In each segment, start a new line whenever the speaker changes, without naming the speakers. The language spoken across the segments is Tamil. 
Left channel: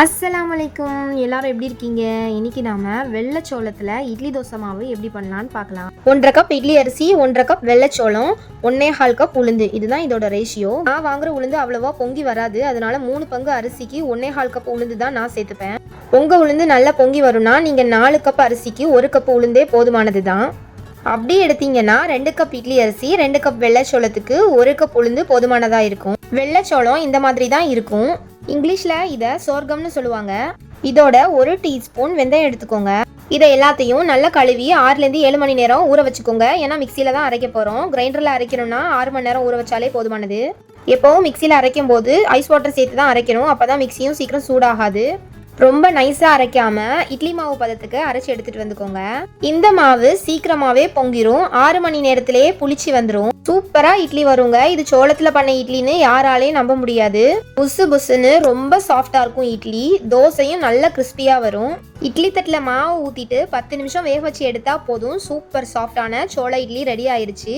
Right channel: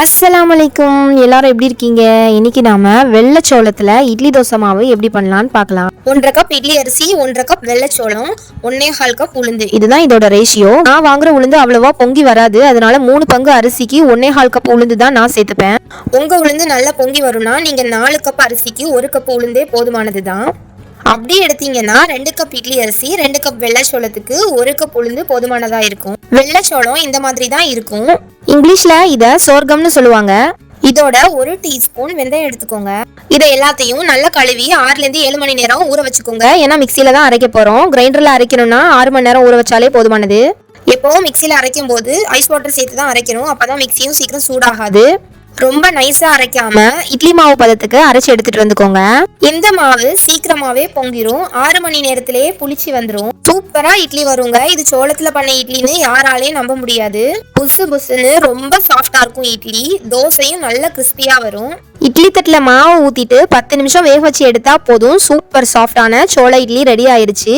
அஸ்லாம் வலைக்கும் எல்லாரும் எப்படி இருக்கீங்க? இன்னைக்கு நாம வெள்ளைச்சோளத்துல இட்லி தோசை மாவு எப்படி பண்ணலாம்னு பார்க்கலாம். ஒன்றரை கப் இட்லி அரிசி ஒன்றரை கப் வெள்ளச்சோளம் ஒன்னே கால் கப் உளுந்து. இதுதான் இதோட ரேஷியோ நான் வாங்குற உளுந்து அவ்வளவா பொங்கி வராது. அதனால மூணு பங்கு அரிசிக்கு ஒன்னே கால் கப் உளுந்து தான் நான் சேர்த்துப்பேன். உங்க உளுந்து நல்லா பொங்கி வரும்னா நீங்க நாலு கப் அரிசிக்கு ஒரு கப் உளுந்தே போதுமானது தான். அப்படி எடுத்தீங்கன்னா ரெண்டு கப் இட்லி அரிசி ரெண்டு கப் வெள்ளச்சோளத்துக்கு ஒரு கப் உளுந்து போதுமானதா இருக்கும். வெள்ளச்சோளம் இந்த மாதிரி தான் இருக்கும். இங்கிலீஷ்ல இதை சோர்க்கம்னு சொல்லுவாங்க. இதோட ஒரு டீஸ்பூன் வெந்தயம் எடுத்துக்கோங்க. இதை எல்லாத்தையும் நல்லா கழுவி ஆறுலேருந்து ஏழு மணி நேரம் ஊற வச்சுக்கோங்க. ஏன்னா மிக்சியில் தான் அரைக்க போகிறோம் கிரைண்டரில் அரைக்கணும்னா ஆறு மணி நேரம் ஊற வச்சாலே போதுமானது. எப்போவும் மிக்சியில் அரைக்கும் போது ஐஸ் வாட்டர் சேர்த்து தான் அரைக்கணும். அப்பதான் மிக்சியும் சீக்கிரம் சூடாகாது. ரொம்ப நைஸா அரைக்காம இட்லி மாவு பதத்துக்கு அரைச்சு எடுத்துட்டு வந்துக்கோங்க. இந்த மாவு சீக்கிரமாவே பொங்கிரும். ஆறு மணி நேரத்திலேயே புளிச்சு வந்துடும் சூப்பரா இட்லி வருங்க. இது சோளத்துல பண்ண இட்லின்னு யாராலையும் நம்ப முடியாது. புசு புசுன்னு ரொம்ப சாஃப்டா இருக்கும் இட்லி. தோசையும் நல்ல கிறிஸ்பியா வரும். இட்லி தட்டில் மாவை ஊற்றிட்டு பத்து நிமிஷம் வேக வச்சு எடுத்தால் போதும். சூப்பர் சாஃப்டான சோள இட்லி ரெடி ஆயிருச்சு.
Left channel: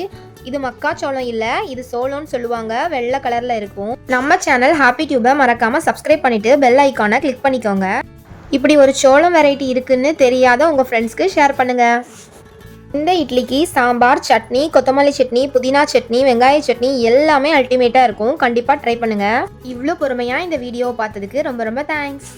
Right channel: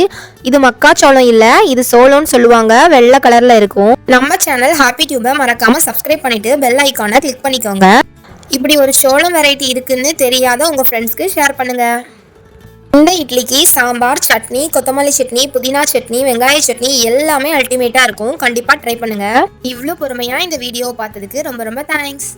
இது மக்காச்சோளம் இல்லை இது சோளம்னு சொல்லுவாங்க. வெள்ளை கலரில் இருக்கும். நம்ம சேனல் ஹாப்பி டியூபை மறக்காமல் சப்ஸ்கிரைப் பண்ணிவிட்டு பெல் ஐக்கானை கிளிக் பண்ணிக்கோங்க. இப்படி ஒரு சோளம் வெரைட்டி இருக்குன்னு தெரியாத உங்கள் ஃப்ரெண்ட்ஸ்க்கு ஷேர் பண்ணுங்கள் இந்த இட்லிக்கு சாம்பார் சட்னி கொத்தமல்லி சட்னி புதினா சட்னி வெங்காய சட்னி எல்லாமே அல்டிமேட்டாக இருக்கும். கண்டிப்பாக ட்ரை பண்ணுங்கள் இவ்வளோ பொறுமையாக இந்த வீடியோ பார்த்ததுக்கு ரொம்ப ரொம்ப தேங்க்ஸ்